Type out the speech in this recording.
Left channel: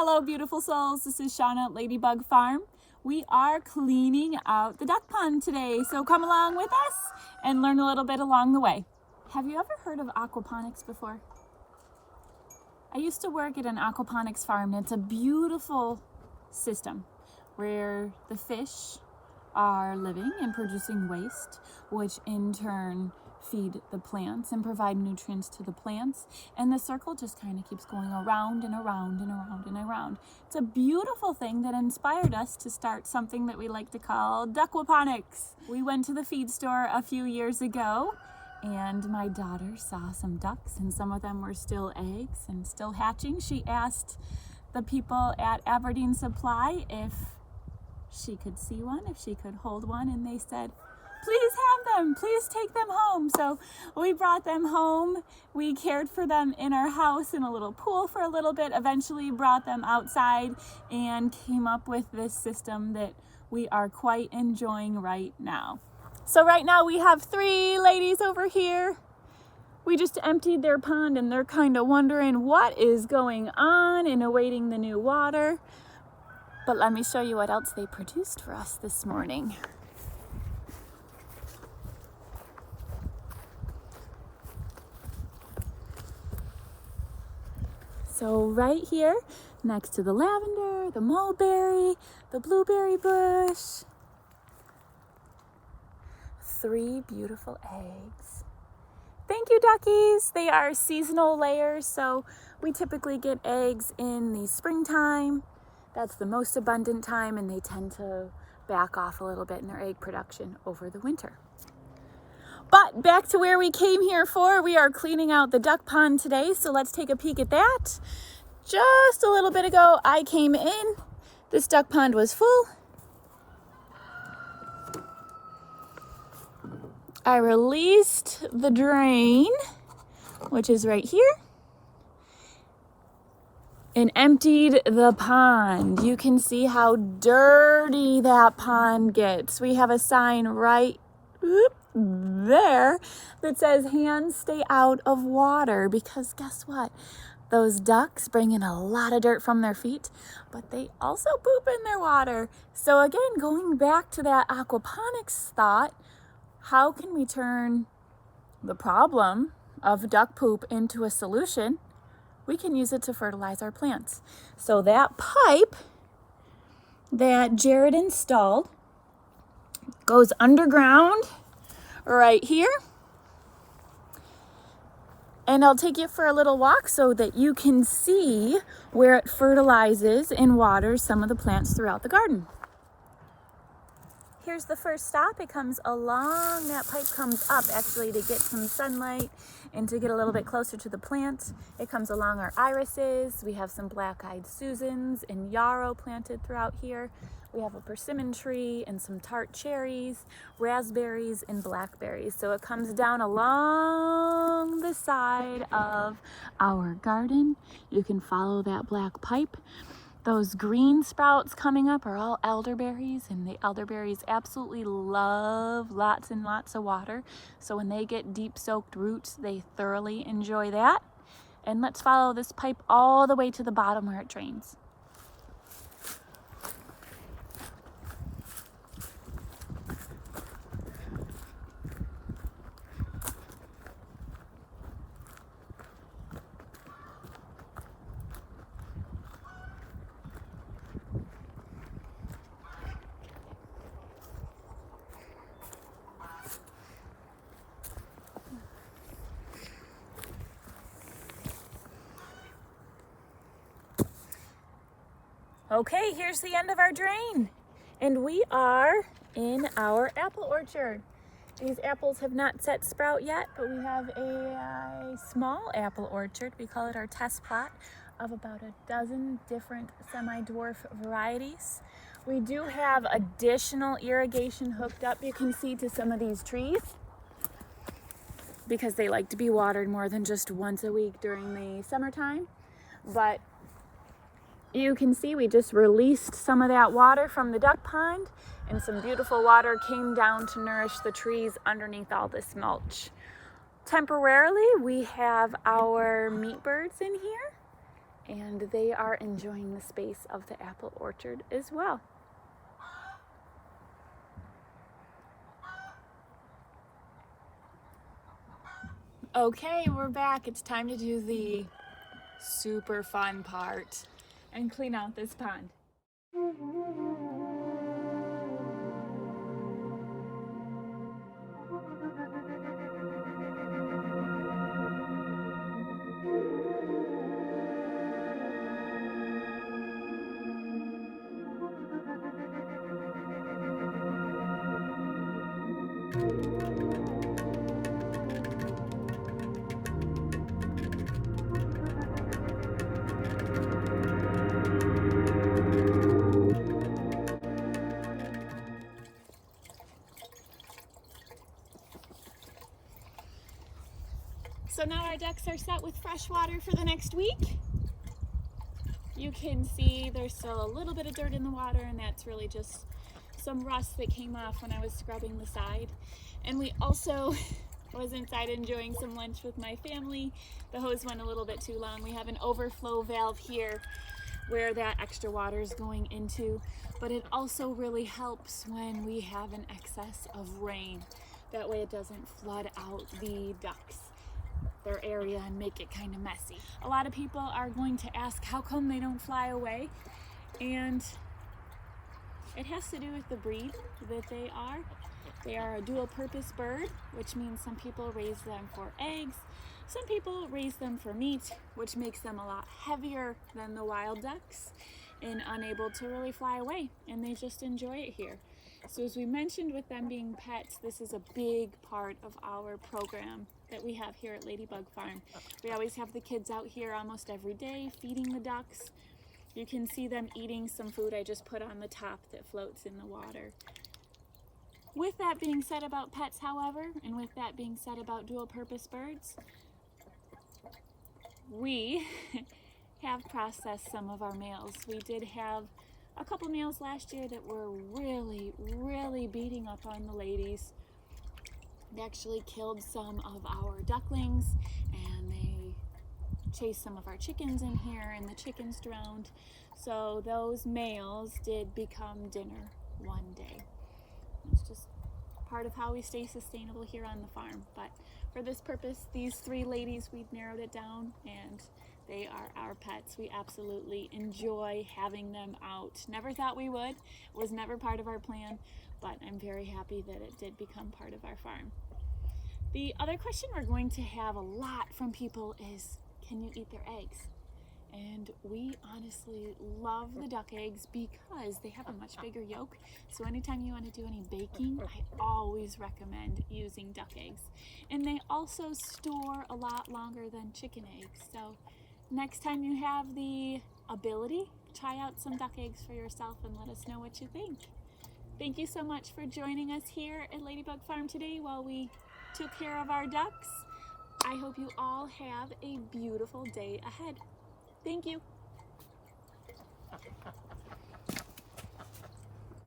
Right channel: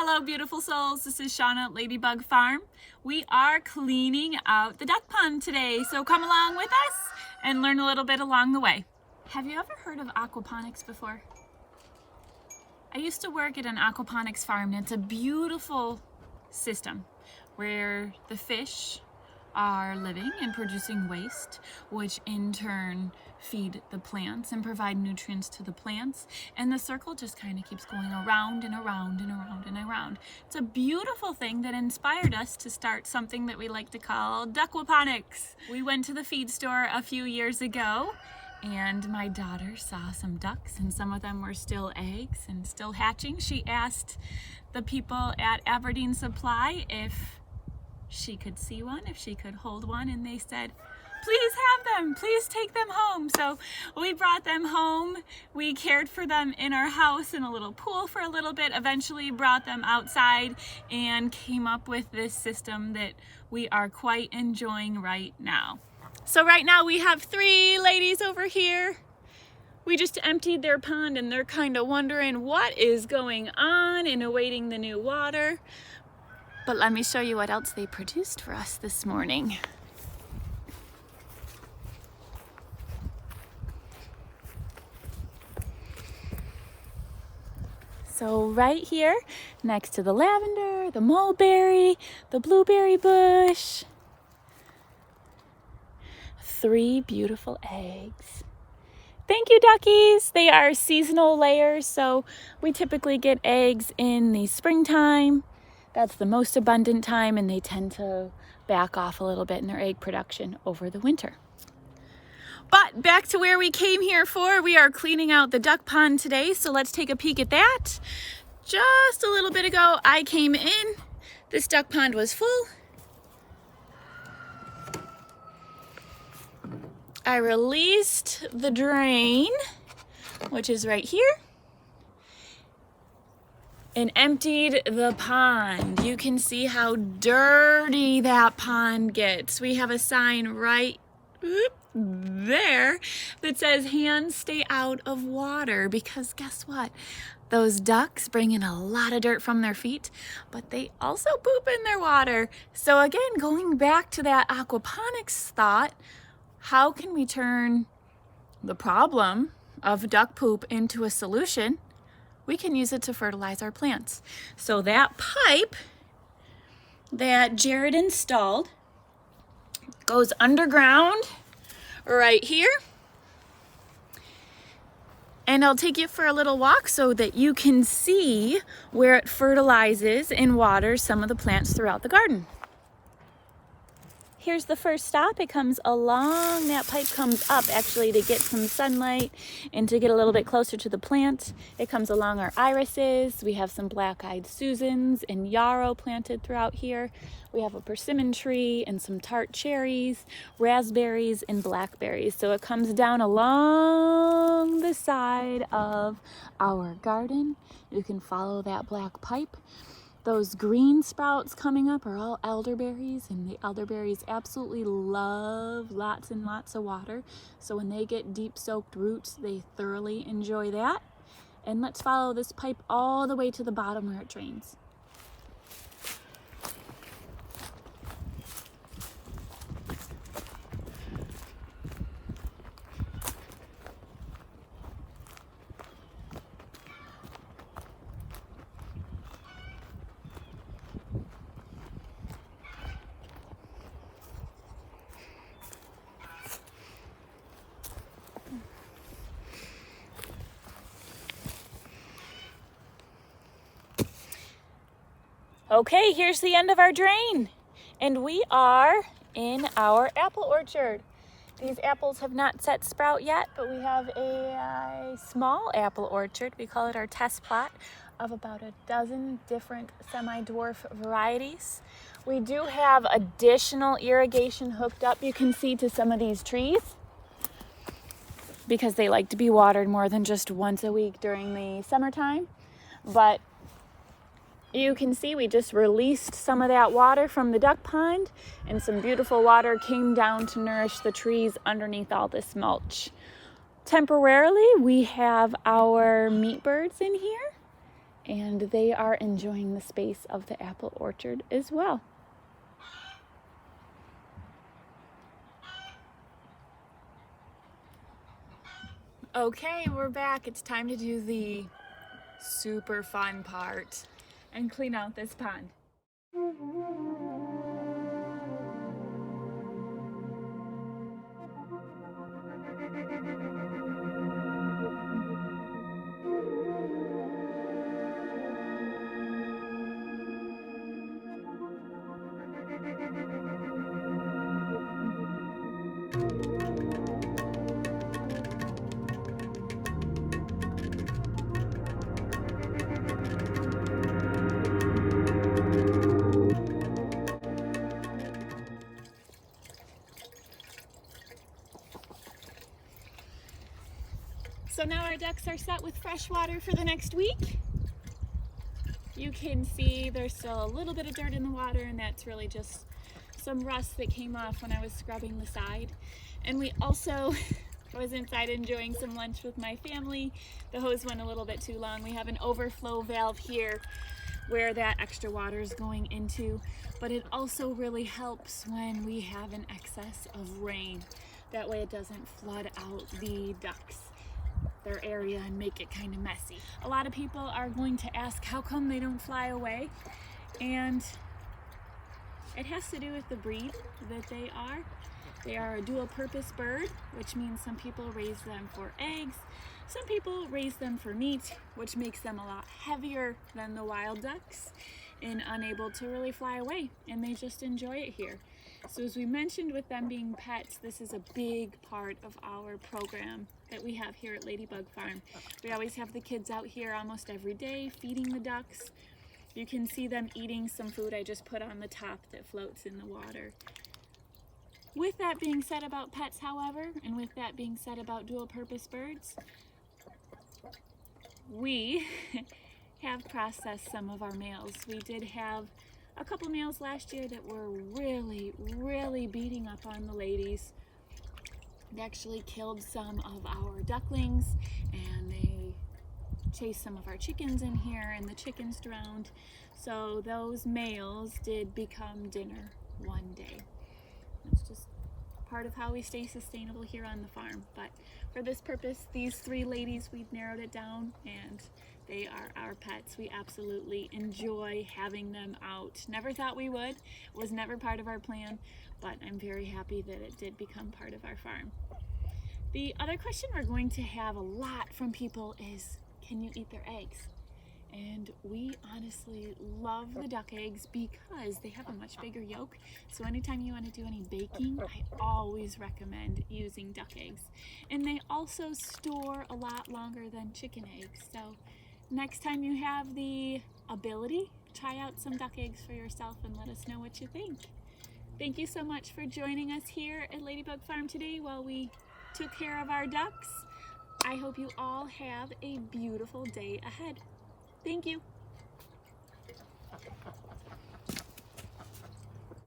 Hello beautiful souls, this is Shauna at Ladybug Farm. We are cleaning out the duck pond today, so come along with us and learn a little bit along the way. Have you ever heard of aquaponics before? I used to work at an aquaponics farm, and it's a beautiful system where the fish are living and producing waste, which in turn feed the plants and provide nutrients to the plants, and the circle just kind of keeps going around and around and around and around. It's a beautiful thing that inspired us to start something that we like to call Duckquaponics. We went to the feed store a few years ago and my daughter saw some ducks, and some of them were still eggs and still hatching. She asked the people at Aberdeen Supply if she could see one, if she could hold one, and they said, please have them, please take them home. So we brought them home. We cared for them in our house in a little pool for a little bit, eventually brought them outside and came up with this system that we are quite enjoying right now. So right now we have 3 ladies over here. We just emptied their pond and they're kind of wondering what is going on and awaiting the new water. But let me show you what else they produced for us this morning. So right here, next to the lavender, the mulberry, the blueberry bush, 3 beautiful eggs. Thank you, duckies. They are seasonal layers, so we typically get eggs in the springtime. That's the most abundant time, and they tend to back off a little bit in their egg production over the winter. But back to where we came here for, we are cleaning out the duck pond today, so let's take a peek at that. Just a little bit ago, I came in. This duck pond was full. I released the drain, which is right here, and emptied the pond. You can see how dirty that pond gets. We have a sign right there that says hands stay out of water, because guess what? Those ducks bring in a lot of dirt from their feet, but they also poop in their water. So again, going back to that aquaponics thought, how can we turn the problem of duck poop into a solution? We can use it to fertilize our plants. So that pipe that Jared installed goes underground right here. And I'll take you for a little walk so that you can see where it fertilizes and waters some of the plants throughout the garden. Here's the first stop. It comes along, that pipe comes up actually to get some sunlight and to get a little bit closer to the plant. It comes along our irises. We have some black-eyed Susans and yarrow planted throughout here. We have a persimmon tree and some tart cherries, raspberries, and blackberries. So it comes down along the side of our garden. You can follow that black pipe. Those green sprouts coming up are all elderberries, and the elderberries absolutely love lots and lots of water. So when they get deep soaked roots, they thoroughly enjoy that. And let's follow this pipe all the way to the bottom where it drains. Okay, here's the end of our drain, and we are in our apple orchard. These apples have not set sprout yet, but we have a small apple orchard. We call it our test plot of about a dozen different semi-dwarf varieties. We do have additional irrigation hooked up, you can see, to some of these trees, because they like to be watered more than just once a week during the summertime. But you can see we just released some of that water from the duck pond, and some beautiful water came down to nourish the trees underneath all this mulch. Temporarily, we have our meat birds in here, and they are enjoying the space of the apple orchard as well. Okay, we're back. It's time to do the super fun part and clean out this pond. So now our ducks are set with fresh water for the next week. You can see there's still a little bit of dirt in the water, and that's really just some rust that came off when I was scrubbing the side. And we also was inside enjoying some lunch with my family. The hose went a little bit too long. We have an overflow valve here where that extra water is going into, but it also really helps when we have an excess of rain. That way it doesn't flood out the ducks, their area, and make it kind of messy. A lot of people are going to ask how come they don't fly away, and it has to do with the breed that they are. They are a dual purpose bird, which means some people raise them for eggs, some people raise them for meat, which makes them a lot heavier than the wild ducks and unable to really fly away, and they just enjoy it here. So as we mentioned with them being pets, this is a big part of our program that we have here at Ladybug Farm. We always have the kids out here almost every day feeding the ducks. You can see them eating some food I just put on the top that floats in the water. With that being said about pets, however, and with that being said about dual purpose birds, we have processed some of our males. We did have a couple males last year that were really beating up on the ladies. They actually killed some of our ducklings, and they chased some of our chickens in here, and the chickens drowned. So those males did become dinner one day. It's just part of how we stay sustainable here on the farm. But for this purpose, these 3 ladies, we've narrowed it down, and they are our pets. We absolutely enjoy having them out. Never thought we would. It was never part of our plan, but I'm very happy that it did become part of our farm. The other question we're going to have a lot from people is, can you eat their eggs? And we honestly love the duck eggs because they have a much bigger yolk. So anytime you want to do any baking, I always recommend using duck eggs. And they also store a lot longer than chicken eggs. So next time you have the ability, try out some duck eggs for yourself and let us know what you think. Thank you so much for joining us here at Ladybug Farm today while we took care of our ducks. I hope you all have a beautiful day ahead. Thank you.